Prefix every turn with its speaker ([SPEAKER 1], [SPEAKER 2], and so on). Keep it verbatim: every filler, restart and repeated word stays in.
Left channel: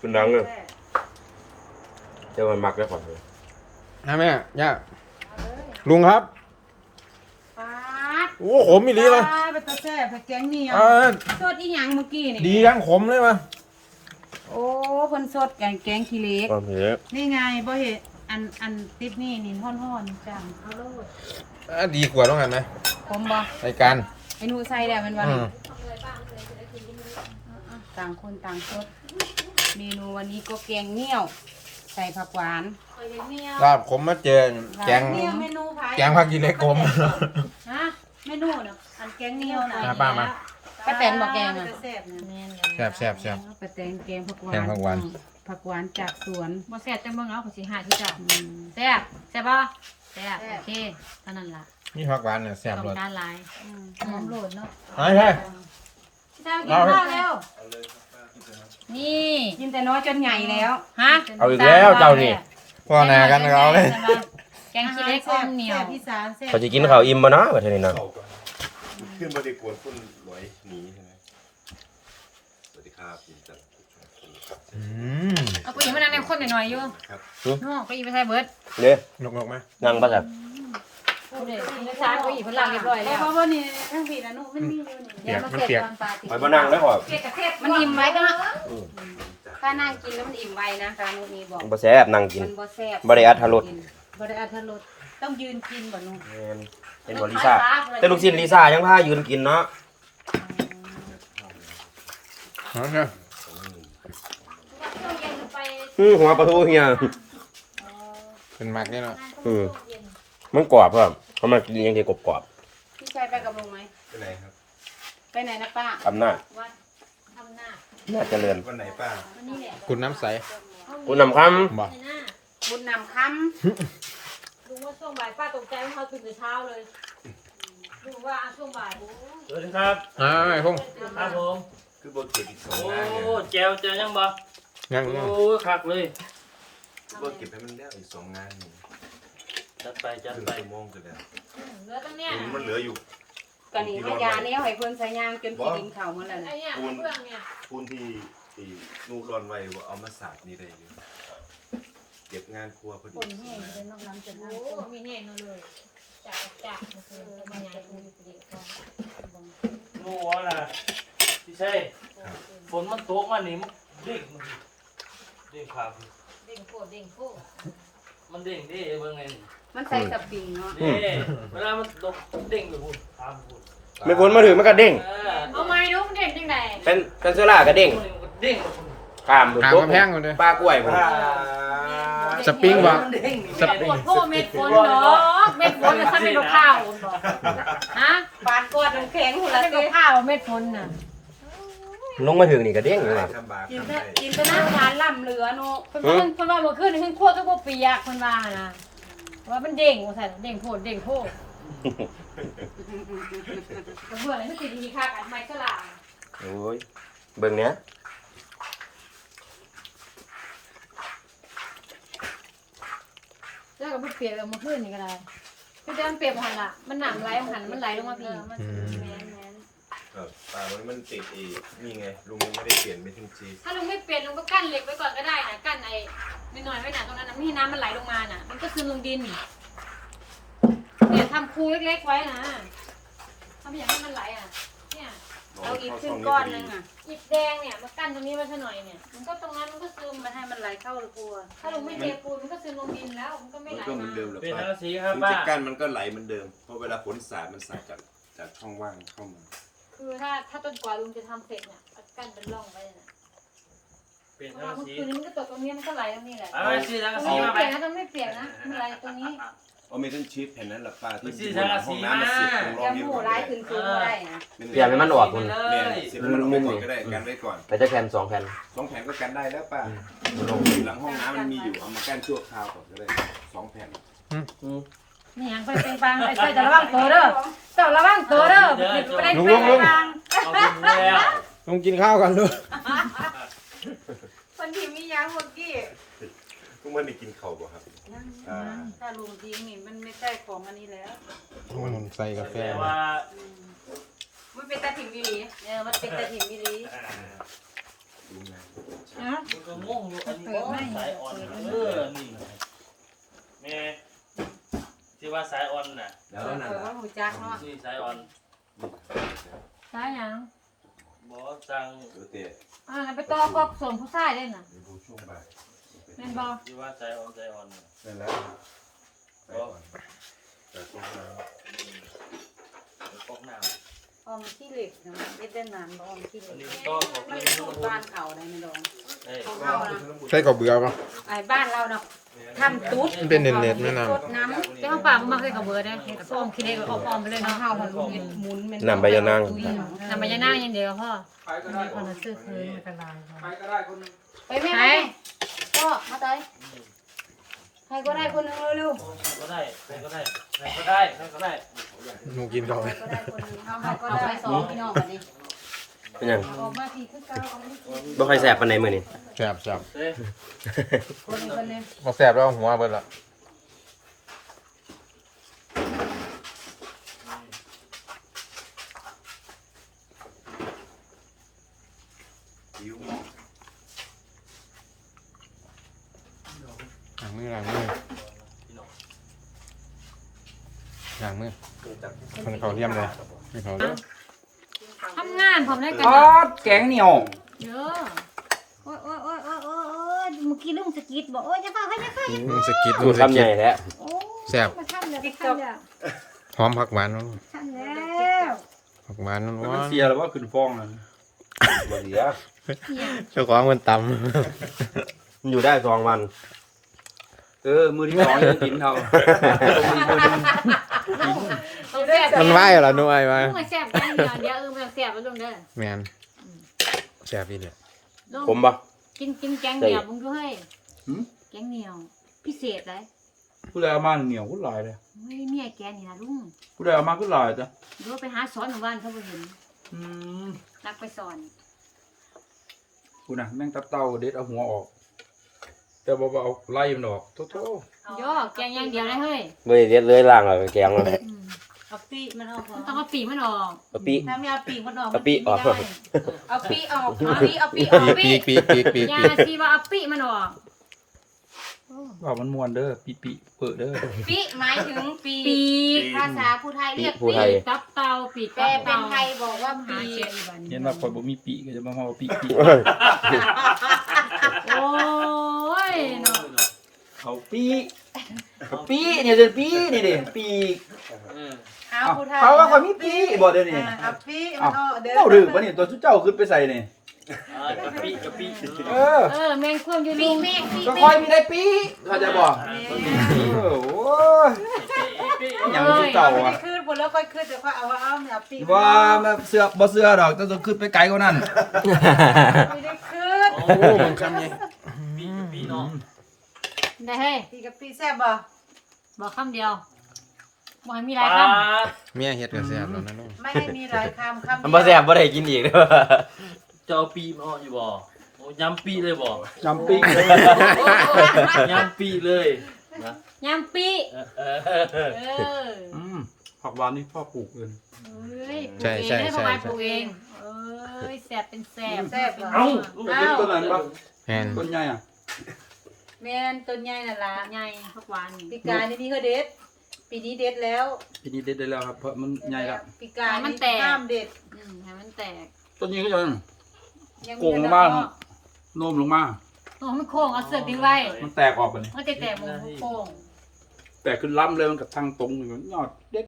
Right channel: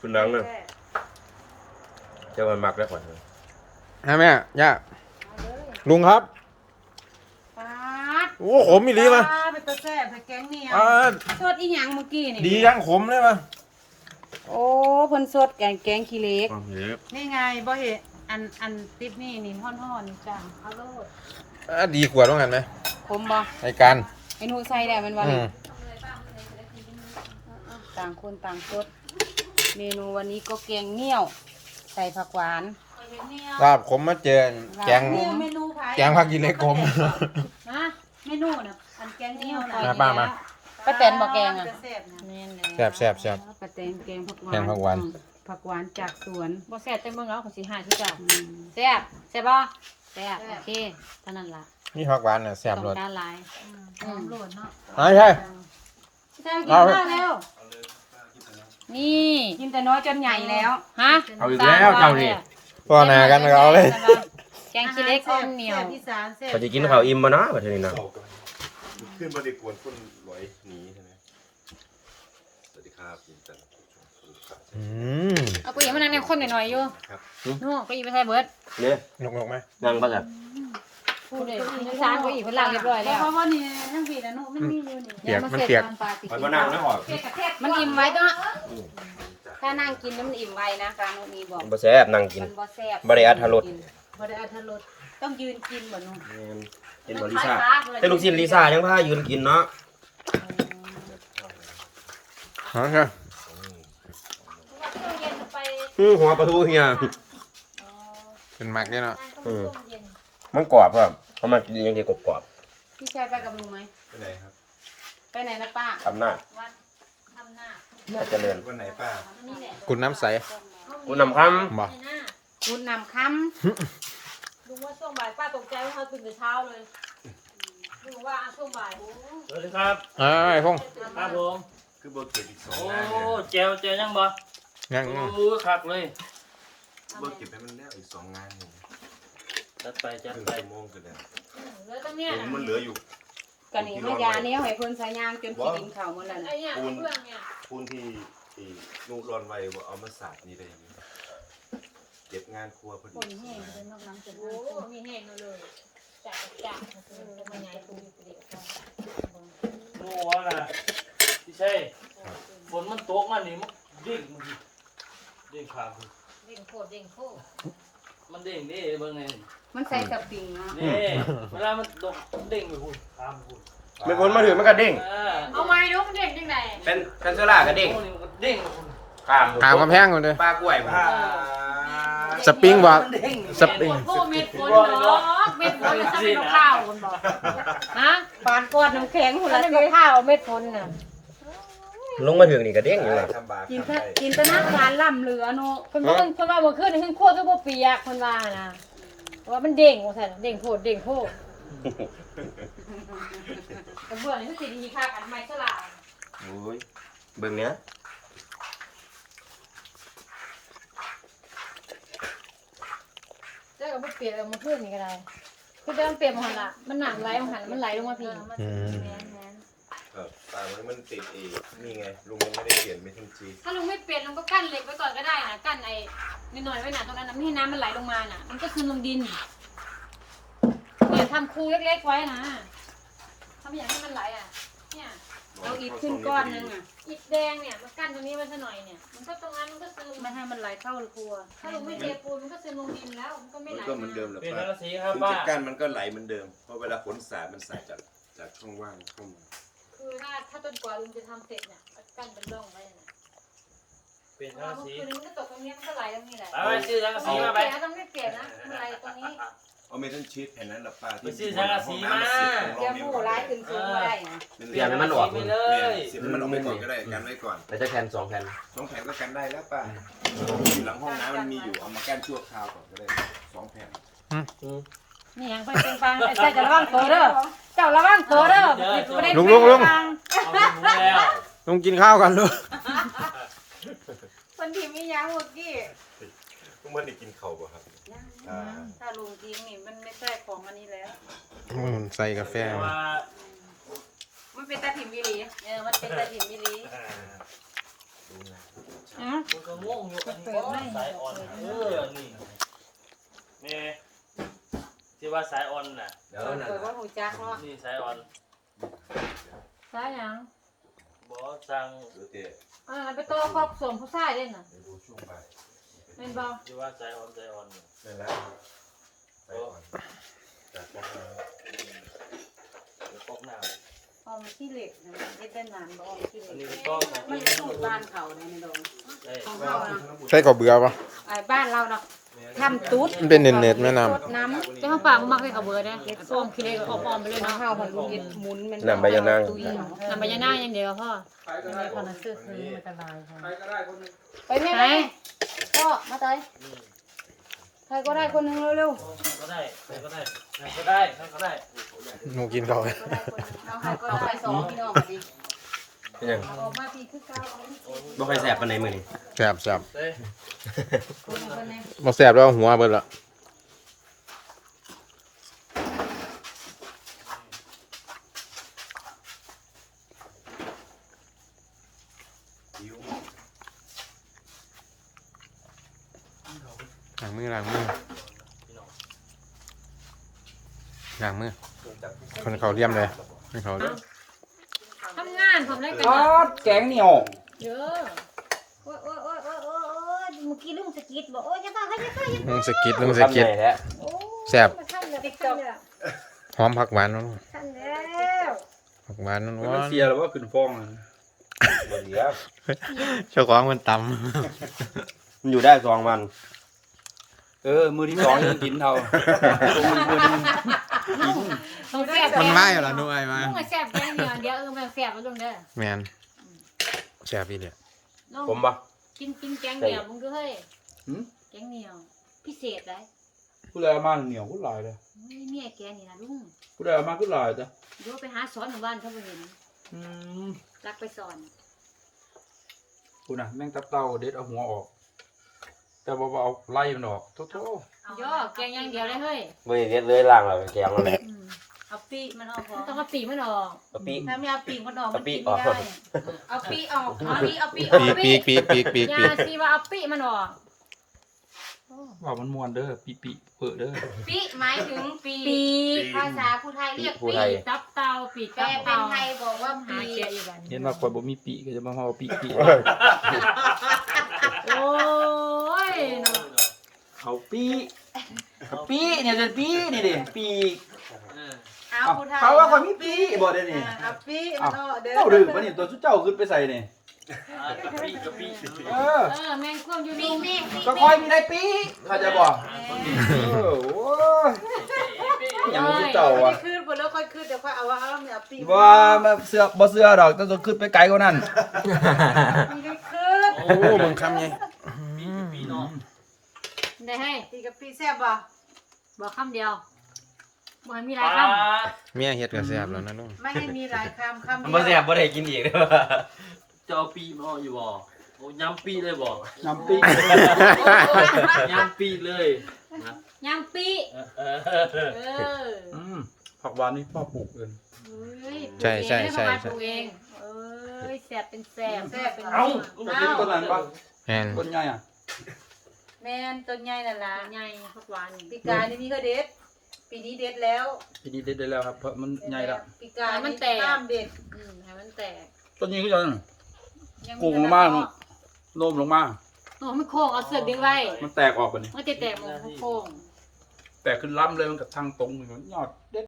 [SPEAKER 1] คุณดังเลยเจ้ามันมักได้ก่อนเลย
[SPEAKER 2] ใช่ไหมย่าลุงครับโอ้ขมอีหลีมา
[SPEAKER 3] ไปตัวแซ่บแกงเงี้ย
[SPEAKER 2] เออ
[SPEAKER 3] สดอีหยังเมื่อกี้นี่
[SPEAKER 2] ดีทั้งขมเลยมา
[SPEAKER 3] โอ้คนสดแกงแกงขี้เล็ก
[SPEAKER 1] โอเค
[SPEAKER 3] นี่ไงบ่เห็นอันอันติ๊บนี่นี่ห่อนห่อนนี่จังเอาโลด
[SPEAKER 2] อ่ะดีกว่าต้องกันไหม
[SPEAKER 3] ผมบ่
[SPEAKER 2] ในการ
[SPEAKER 3] ไอ้หนูใส่ได้มันว่า
[SPEAKER 2] อื
[SPEAKER 3] นี่
[SPEAKER 2] ม
[SPEAKER 3] ต่างคนต่างสดเมนูวันนี้ก็แกงเงี้ยวใส่ผักหวาน
[SPEAKER 2] ลาบขมมาเจอแกง
[SPEAKER 3] เงี้ยวเมนูไผ่
[SPEAKER 2] แกงผักกิเลสขม
[SPEAKER 3] ฮะเมนูน่ะอันแกงเงี้ยวน่ะ
[SPEAKER 2] มาป้ามา
[SPEAKER 3] ป้าแตนบอกแกงอ่ะ
[SPEAKER 2] แซ่บแซ่บแซ่บ
[SPEAKER 3] ป้าแตนแกงผักหวาน
[SPEAKER 2] แกงผักหวาน
[SPEAKER 3] ผักหวานจากสวน
[SPEAKER 4] บ่แซ่บแต่เบิ่งเอาของสิหาที่เจ้า
[SPEAKER 3] อืม
[SPEAKER 4] แซ่บแซ่บบ่แซ่บโอเคเท่านั้นล่ะ
[SPEAKER 2] นี่ผักหวานน่ะแซ่บ
[SPEAKER 4] ต้
[SPEAKER 2] ร
[SPEAKER 4] อ
[SPEAKER 2] ส
[SPEAKER 4] งการหลาย
[SPEAKER 3] หอมโหลดเนาะ
[SPEAKER 2] ไม่ใช่
[SPEAKER 4] แซ่บกินข้าวแล้ว นี่
[SPEAKER 3] กินแต่น้อยจนใหญ่แล้ว
[SPEAKER 4] ฮะ
[SPEAKER 1] เอาอีกแล้วเจ้านี่
[SPEAKER 2] พ่อหนากันเอาเลย
[SPEAKER 4] แกงขี้เล็กอ้อมเหนียว
[SPEAKER 3] แซ่บพี่สารแซ่บ
[SPEAKER 1] เขาจะกินข้าวอิ่มบ่นะแบบนี้นะ
[SPEAKER 5] ขึ้นมาได้กวนคนลอยหนีใช่ไหมสวัสดีครับยินดีต้อนรับทุกท่าน
[SPEAKER 2] อืม
[SPEAKER 4] เอาไปอีกมานั่งในคนหน่อยๆอยู่
[SPEAKER 5] ครับ
[SPEAKER 4] โน่ไปอีกไปใส่เบิด
[SPEAKER 1] เนี่ย
[SPEAKER 2] นกนกไหม
[SPEAKER 1] นั่งปะครับ
[SPEAKER 4] พูดเลยสามไปอีกเพิ่นล้างเรียบร้อย
[SPEAKER 3] เพ
[SPEAKER 4] แล้ว
[SPEAKER 3] ราะว่านี่ทั้งผิดนะหนูมันมีอยู่นี่
[SPEAKER 2] เปียกมันเปียก
[SPEAKER 1] ไปมานั่งแล้วก่อน
[SPEAKER 4] มันอิ่มไว้ก็ถ้านั่งกินแล้วมันอิ่มไว้นะการลูกนี้บอก
[SPEAKER 1] บ่แซ่บนั่งกิน
[SPEAKER 4] มันบ่แซ่บ
[SPEAKER 1] บ่ได้อรรถรส
[SPEAKER 3] บ่ได้อัธรสต้องยืนกินบ่หนู
[SPEAKER 1] แม่นเป็นบ่ลิซ่าแต่ลูกชิ้นลิซ่ายังพายืนกินเนาะ
[SPEAKER 2] โอเค
[SPEAKER 1] อื้อหัวปลาทูเฮีย
[SPEAKER 2] เป็นหมักเนี่ยเนาะ
[SPEAKER 1] อืมมันกรอบครับเพราะมันกินยังไงกรอบ
[SPEAKER 3] พี่ชายไปกับลุงไหม
[SPEAKER 5] ไปไหนครับ
[SPEAKER 3] ไปไหนนะป้า
[SPEAKER 1] ๆอำนาจ
[SPEAKER 4] วัดทำหน้า
[SPEAKER 1] น่าเจริญ
[SPEAKER 5] วันไหนป้า
[SPEAKER 4] วันนี้แหละ
[SPEAKER 2] คุณน้ำใส
[SPEAKER 1] คุณนำค
[SPEAKER 2] บอก
[SPEAKER 4] ในหน้า
[SPEAKER 3] บุญนำค
[SPEAKER 4] ดูว่าช่วงบ่ายป้าตกใจว่าเขาตื่นแต่เช้าเลยดูว่าช่วงบ่ายโอ้
[SPEAKER 6] สวัสดีครับ
[SPEAKER 2] อ่าไอ้พงษ์
[SPEAKER 6] ครับผม
[SPEAKER 5] คือโบเก็บอีกสอง
[SPEAKER 6] โอ้
[SPEAKER 5] งานเนี่ย
[SPEAKER 6] เจลเจลยังบ่
[SPEAKER 2] ยังยัง
[SPEAKER 6] โอ้คักเลย
[SPEAKER 5] โบเก็บให้มันแล้วอีกสองงานนี่
[SPEAKER 6] จัดไปจัด
[SPEAKER 5] ครึ่ง
[SPEAKER 6] ไป
[SPEAKER 5] ชั่วโมงก็ได้
[SPEAKER 4] เหลือตรงเนี้ย
[SPEAKER 5] เห็นมันเหลืออยู่
[SPEAKER 3] ำกะหนี่แม่ยานี่ให้เพิ่นใส่ยางจนขี้ดินเข่าหมดแล้ว
[SPEAKER 4] ไอ้
[SPEAKER 3] นะ
[SPEAKER 4] เนี่ยเพื่อนเนี่ย
[SPEAKER 5] ปูนที่อีนูรอนไว้ว่าเอามาสาดดีได้อยู่เก็บงานครัวพอดี
[SPEAKER 3] คนแห้งจะนอกน้ำจะ
[SPEAKER 4] โอ้
[SPEAKER 3] ให้
[SPEAKER 4] มีแห้งเลยจักจักแล้วมันย้ายคุณอยู่ประเดี๋ยว
[SPEAKER 6] โอ้โหนะที่ใช่
[SPEAKER 5] ครับ
[SPEAKER 6] ฝนมันตกมานี่มันเด้งมันเด้งขามัน
[SPEAKER 4] เด้งโคตรเด้งโคตร
[SPEAKER 6] มันเด้งเด้ว่าไงนี่
[SPEAKER 3] มันใส่สปริงเนาะ
[SPEAKER 6] เด้เวลามันตกเด้งไปหุ่นตามหุ่น
[SPEAKER 1] ำไม่พ้นมาถึงมันก็เด้ง
[SPEAKER 6] อ่า
[SPEAKER 4] เอาไม้ดูมันเด้งจังได
[SPEAKER 1] เป็นเป็นเสื้อลาก็เด้ง
[SPEAKER 6] มันเด้งไปหุ่น
[SPEAKER 1] กาม
[SPEAKER 2] หามกำแพงหมดเลย
[SPEAKER 1] ปลากล้วยผม
[SPEAKER 2] สปริงบอก
[SPEAKER 6] เด้ง
[SPEAKER 2] สปริง
[SPEAKER 4] โอ้เม็ดฝนเหรอเม็ดฝนมันทำเป็นมะพร้าวคุณบอกฮะ
[SPEAKER 3] ปานก้อนน้ำแข็งหมด
[SPEAKER 4] มัน
[SPEAKER 3] แล้ว
[SPEAKER 4] เป็น
[SPEAKER 3] สิ
[SPEAKER 4] มะพร้าวเม็ดฝนน่ะ
[SPEAKER 1] ลงมาถึงนี่ก็เด้งเลย
[SPEAKER 5] ทำบาป
[SPEAKER 3] กิน
[SPEAKER 5] ทำ
[SPEAKER 3] แต่
[SPEAKER 5] ได้
[SPEAKER 3] กินแต่น้ำหวานล่ำเหลือเนาะ
[SPEAKER 4] คนว่าคนว่าเมื่อคืนนี่ขึ้นขั้วก็พวกเปียกคนว่านะว่ามันเด้งว่าซั่นเด้งโพดเด้งโพดกับเพื่อนนี่คือติดดีค่ากันไม่สลาย
[SPEAKER 1] โอ้ยเบิ่งเนี้ย
[SPEAKER 4] แล้วกับพวกเปียกเอามาขึ้นนี่ก็ได้คือแต่มันเปียกหันละมันหนามไหลลงหันมันไหลลงมาพี่
[SPEAKER 2] อืม
[SPEAKER 5] เออตาไว้มันติดอีกนี่ไงลุงยังไม่ได้เปลี่ยนไม่ทำชี
[SPEAKER 4] ถ้าลุงไม่เปลี่ยนลุงก็กั้นเหล็กไว้ก่อนก็ได้นะกั้นไอ้หน่อยๆไว้หนาตรงนั้นนะไม่ให้น้ำมันไหลลงมาน่ะ มันก็คืนลงดินเนี่ยทำคูเล็กๆไว้นะทำอย่างให้มันไหลอ่ะเนี่ย
[SPEAKER 3] เอาอีกขึ้นก้อนหนึงอ่ะ
[SPEAKER 4] อิฐแดงเนี่ยมากั้นตรงนี้มาซะหน่อยเนี่ยมันก็ตรงนั้นมันก็ซึม
[SPEAKER 3] มันให้มันไหลเข้าครัว
[SPEAKER 4] ถ้าลุงไม่เทปูนมันก็ซึมลงดินแล้วมันก็ไม่
[SPEAKER 5] มัน
[SPEAKER 4] ไหล
[SPEAKER 5] ก็เหมือนเดิม
[SPEAKER 4] มา
[SPEAKER 5] แหละ
[SPEAKER 6] เป็น
[SPEAKER 5] ป้า
[SPEAKER 6] ทังสีครับ
[SPEAKER 5] ถึง
[SPEAKER 6] ป้า
[SPEAKER 5] จะกั้นมันก็ไหลเหมือนเดิมเพราะเวลาฝนสาดมันสาดจากจากช่องว่างเข้ามา
[SPEAKER 4] คือถ้าถ้าต้นกว่าลุงจะทำเสร็จเนี่ยกั้นเป็นร่องไว้นะ
[SPEAKER 6] เป็นทัง
[SPEAKER 4] เมื่อ
[SPEAKER 6] สี
[SPEAKER 4] คืนนี้มันก็ตกตรงนี้มันก็ไหลตรงนี้แหละ
[SPEAKER 6] เอาไปสีทัง
[SPEAKER 4] ตรง
[SPEAKER 6] สี
[SPEAKER 4] นี้
[SPEAKER 6] มา
[SPEAKER 4] ไม่
[SPEAKER 6] ไป
[SPEAKER 4] เปียกนะต้องไม่เปียกนะมันไหลตรงนี้
[SPEAKER 5] เอาเมทัลชีสแผ่นนั้นแหละป้าที่
[SPEAKER 6] ไปสิ
[SPEAKER 5] อยู่บนหลังห้องน้ำมันเสียบตรงร่
[SPEAKER 3] อย่า
[SPEAKER 5] องนิ้ว
[SPEAKER 3] หมู่ร้ายถึงคืนก็ได้นะ
[SPEAKER 1] เปลี่ยนให้มันออกคุณ
[SPEAKER 6] เล
[SPEAKER 5] เนี่ย
[SPEAKER 6] ย
[SPEAKER 5] เสียบให้มันออกไปก่อนก็ได้กันไว้ก่อน
[SPEAKER 1] ไปจะแคนสองแคน
[SPEAKER 5] สองแผ่นก็กันได้แล้วป้า
[SPEAKER 1] มันลง
[SPEAKER 5] อยู่หลังห้องน้ำมันมีอยู่เอามากั้นชั่วคราวก่อนก็ได้สองแผ่น
[SPEAKER 4] นี่ยังไปเป็นฟังใส่จะระวังตัวเด้อเจ้าระวังตัวเด้อประเด็น
[SPEAKER 2] ลุงลุงลุง
[SPEAKER 6] เอาไปหูแล้ว
[SPEAKER 2] ลุงกินข้าวกันลูก
[SPEAKER 3] คนที่มียางเมื่อกี้
[SPEAKER 5] ทุกวันนี้กินเข่าบ่ครับ
[SPEAKER 3] ยังถ้าลุงจริงนี่มันไม่ใช่ของอันนี้แล้ว
[SPEAKER 2] อืมใส่กาแฟ
[SPEAKER 6] แต่ว่า
[SPEAKER 3] มันเป็นตาถิ่มบิลีเออมันเป็นตาถิ่มบิลี
[SPEAKER 5] ดูงาน
[SPEAKER 3] นะ
[SPEAKER 6] มันก็ง่วงอยู่อันนี้สายอ่อนเออนี่แม่ที่ว่าสายอ่อนน่ะ
[SPEAKER 5] แล้วนั่น
[SPEAKER 3] เปิด
[SPEAKER 5] แหละ
[SPEAKER 3] ว่าหูจักเนาะ
[SPEAKER 6] นี่สายอ่อน
[SPEAKER 4] ใช่ยัง
[SPEAKER 6] บ่สั่ง
[SPEAKER 5] เดี๋ยวเตะ
[SPEAKER 4] อ่าไปต่อครอบส่งผู้ชายได้น่ะ
[SPEAKER 5] เดี๋ยวดูช่วงบ่าย
[SPEAKER 4] แม่นบ่
[SPEAKER 6] ที่ว่าสายอ่อนสายอ่อนน่ะ
[SPEAKER 5] นั่นแหละไปก่อนแต่ก็มา
[SPEAKER 6] พวกน้
[SPEAKER 3] หอมขี้เหล็กนะมันไม่ได้นานบ่หอมขี้
[SPEAKER 6] ำ
[SPEAKER 3] เห
[SPEAKER 6] อัน
[SPEAKER 3] ล็
[SPEAKER 6] นี้
[SPEAKER 3] ก
[SPEAKER 6] ก็ขอบคุ
[SPEAKER 3] ไม่
[SPEAKER 6] ณ
[SPEAKER 3] สูตรบ้านเขาในในดง
[SPEAKER 6] ใช่
[SPEAKER 3] ของเขานะ
[SPEAKER 2] ใส่ข้าวเบื่อปะ
[SPEAKER 3] ไอ้บ้านเราเราทำตุ๊ด
[SPEAKER 2] มันเป็นเน็ตๆแนะน
[SPEAKER 3] น้
[SPEAKER 4] แกงปลาบ่มักให้กับเบอร์เด้ส้มขี้เล็กก็อ้อมไปเลย
[SPEAKER 3] ำ
[SPEAKER 4] เนาะ
[SPEAKER 3] ข้าวมันเย็นหมุนเป็น
[SPEAKER 1] นำใบยะนาง
[SPEAKER 4] นำมายานาอย่างเดียวพ่อ
[SPEAKER 7] ใครก็ได้
[SPEAKER 4] คนละซื้อคือมันเป็นลายค่ะ
[SPEAKER 7] ใครก็ได้คนหนึง
[SPEAKER 3] ไปแม่ไปพ่อมาใจใครก็ได้คนนึงเร็ว
[SPEAKER 6] ก็ได้ใครก็ได้ใครก็ได้ใครก็ได้
[SPEAKER 2] ำหมูกินเขาว
[SPEAKER 3] ใครก็ได้คนนึงเอาใครก็ได้สองพี่น้องกันดิ
[SPEAKER 1] เป็นหยัง
[SPEAKER 3] ออกมาปีคือเก่าเอาดิ
[SPEAKER 1] บ่ค่อยแสบปานใดมื้อนี้
[SPEAKER 2] แซ่บแซ่บ
[SPEAKER 6] เอ้ย
[SPEAKER 3] คนนึงคนนึง
[SPEAKER 2] มาแซ่บแล้วหัวเบิดละ
[SPEAKER 5] ยิ้ว
[SPEAKER 2] ล้างมือล้างมือล้างมือคนเขาเลี่ยมเลยไม่เขาเลย
[SPEAKER 4] ทำงานทำได้กัน
[SPEAKER 7] อ๋อแกงเหนียว
[SPEAKER 4] เยอะ
[SPEAKER 8] โอ้ยโอ้ยโอ้ยโอ้ยโอ้ยโอ้ยเมื่อกี้ลุงสะกิดบอกโอ้ยจะเปล่าให้ไม่ค่อย
[SPEAKER 2] ลุงสะกิดลุงสะกิด
[SPEAKER 1] ทำใหญ่แล้ว
[SPEAKER 8] โอ้ย
[SPEAKER 2] แซ่บ
[SPEAKER 8] มาทำเลยทำเลย
[SPEAKER 2] หอมผักหวานเนาะ
[SPEAKER 8] ทำแล้ว
[SPEAKER 2] ผักหวานนั่น
[SPEAKER 7] มัน
[SPEAKER 2] ว่า
[SPEAKER 7] เสียแล้วว่าขึ้นฟองเลย
[SPEAKER 5] เดี๋ยวเดี๋ยว
[SPEAKER 2] เจ้าของมันต
[SPEAKER 1] มันอยู่ได้สองวัน
[SPEAKER 7] เออมือที่สองยังกินเท่า
[SPEAKER 4] ต้องแซ่บ
[SPEAKER 2] ำมันไหวเหรอนุ่ยมา
[SPEAKER 4] ต้องแซ่บกันอย่างเดียวเออมันแซ่บมันลงเด้อ
[SPEAKER 2] แมนแซ่บอีเลย
[SPEAKER 4] ลง
[SPEAKER 1] ผมปะ
[SPEAKER 4] กินกินแกงเหนียวมึงก็เฮ้ยแกงเหนียว พิเศษเลย
[SPEAKER 7] ผู้ใดเอามาเหนียวก็ลายเลย
[SPEAKER 4] ไม่เมียแกนี่นะลุง
[SPEAKER 7] ผู้ใดเอามาก็ลายจ้ะ
[SPEAKER 4] เดี๋ยวไปหาสอนหมู่บ้านเขาไปเห็น
[SPEAKER 7] อืม
[SPEAKER 4] รักไปสอน
[SPEAKER 7] คุณน่ะแม่งตับเต่าเด็ดเอาหัวออก แต่บอกว่าเอาไล่มันออกโทษ
[SPEAKER 4] ย่อแกงอย่างเดียวเลยเฮ้ย
[SPEAKER 1] เลยเลียดเลยล่างแล้วก็แกงแล้ว
[SPEAKER 4] อืม
[SPEAKER 3] เอาปีมันออกก่อ
[SPEAKER 4] มัน
[SPEAKER 3] น
[SPEAKER 4] ต้องเอาปีกมันออก
[SPEAKER 1] กะปิ
[SPEAKER 3] ถ้าไม่เอาปีกมันออกมัน
[SPEAKER 1] เอาปี
[SPEAKER 3] กิ
[SPEAKER 1] ก
[SPEAKER 3] น
[SPEAKER 1] ออก
[SPEAKER 3] ไม่ได้เอาปีกออกเอาปีกเอาปีกออก
[SPEAKER 2] ปีกปีกปีกปีกปีก
[SPEAKER 4] ยา
[SPEAKER 2] ปีก
[SPEAKER 4] ซีว่าเอาปีกมันออก
[SPEAKER 7] ๆว่ามันมวนเด้อปีปีเปิดเด้อ
[SPEAKER 3] ปีกหมายถึงปี
[SPEAKER 4] ปีก
[SPEAKER 3] ภาษาผู้ไทยเรียก
[SPEAKER 1] ผู้
[SPEAKER 3] ปี
[SPEAKER 1] ไท
[SPEAKER 3] ก
[SPEAKER 1] ย
[SPEAKER 4] ตับเตาปีก
[SPEAKER 3] แต่
[SPEAKER 4] ตับ
[SPEAKER 3] เป็
[SPEAKER 4] เตาน
[SPEAKER 3] ไทยบอกว่า
[SPEAKER 4] หา
[SPEAKER 3] ปี
[SPEAKER 4] เจ
[SPEAKER 3] ก
[SPEAKER 4] อีวัน
[SPEAKER 7] เห็นว่าคนบ่มีปีก็จะมาเอาปีปี
[SPEAKER 4] โอ้ยเนาะ
[SPEAKER 7] เขาปีเขาปีเนี่ยจะปีนี่ดิปี
[SPEAKER 6] เออ
[SPEAKER 3] เอาผู้ไทย
[SPEAKER 7] เขาว่าคนมีปีบ่เดี๋ยวนี้
[SPEAKER 3] เอาปีก
[SPEAKER 7] อ้าว
[SPEAKER 3] เอาเดี๋ยว
[SPEAKER 7] เจ้าดื้อปะนี่ตัวชุดเจ้าขึ้นไปใส่นี่
[SPEAKER 6] อ่ากะปิกะปิ
[SPEAKER 7] เออ
[SPEAKER 4] เออแมงควงอยู่
[SPEAKER 3] ปี
[SPEAKER 4] ลุ
[SPEAKER 3] ก
[SPEAKER 4] ง
[SPEAKER 3] ปีกปีก
[SPEAKER 7] ก็ค่อยมีได้ปีเขาจะบอกเออโอ้ยยังชุดเจ้าอ่ะ
[SPEAKER 3] ขึ้นพอแล้วค่อยขึ้นเดี๋ยวค่อยเอาว่าเอาเนี่ยปีก
[SPEAKER 7] ว่ามาเสือกบ่เสือดอกต้องต้องขึ้นไปไกลกว่านั้น
[SPEAKER 3] ไม่ได้ขึ้น
[SPEAKER 2] โอ้มึงคำไง
[SPEAKER 6] ปีกะปิเนาะ
[SPEAKER 4] ได้เฮ้ย
[SPEAKER 3] ปีกกับปีกแซ่บบ่
[SPEAKER 4] บอกคำเดียวบอกให้มีหลาย
[SPEAKER 6] ปลา
[SPEAKER 4] คำ
[SPEAKER 2] เมียเฮ็ดก็แซ่บแล้วนะน้อง
[SPEAKER 3] ไม่ให้มีหลายคำคำ
[SPEAKER 1] มัน
[SPEAKER 3] เดี
[SPEAKER 1] บ่
[SPEAKER 3] ยว
[SPEAKER 1] แสบบ่ได้กินอีกเด้อ
[SPEAKER 6] จะเอาปีมาอยู่บ่โอ้ยำปีเลยบ่
[SPEAKER 7] จำปีเลย
[SPEAKER 6] ยำปีเลยนะ
[SPEAKER 4] ยำปี
[SPEAKER 6] เออเออ
[SPEAKER 4] เออ
[SPEAKER 7] อืมผักหวานนี่พ่อปลูกเอง
[SPEAKER 4] เอ้ย
[SPEAKER 2] ใช่ใช่
[SPEAKER 4] ปลูกเอง
[SPEAKER 2] ใช่
[SPEAKER 4] ได้ป
[SPEAKER 2] ใช่
[SPEAKER 4] ลูกเองเอ้ยแสบเป็นแสบ
[SPEAKER 3] แซ่บเหรอ
[SPEAKER 7] เอ้าลูกเด็ดต้นนั้นปะ
[SPEAKER 2] แมน
[SPEAKER 7] ต้นใหญ่อ่ะ
[SPEAKER 3] แมนต้นใหญ่น่ะล่ะ
[SPEAKER 4] ใหญ่ผักหวาน
[SPEAKER 3] ปีกายนี่มีเฮอเด็ด ปีนี้เด็ดแล้ว
[SPEAKER 7] ปีนี้เด็ดได้แล้วครับเพราะมันใหญ่ละ
[SPEAKER 3] ปีกายนี่ห้ามเด็ด
[SPEAKER 4] อืมให้มันแตก
[SPEAKER 7] ต้นนี้ก็จะ
[SPEAKER 3] ยัง
[SPEAKER 7] โกงลงมาโน้มลงมา
[SPEAKER 4] โอ้มันโค้งเอาเสือกดึงไว้
[SPEAKER 7] มันแตกออกไปนี่
[SPEAKER 4] มันจะแตกมันโค้ง
[SPEAKER 7] แตกขึ้นล้ำเลยมันกับทางตรงยอดเด็ด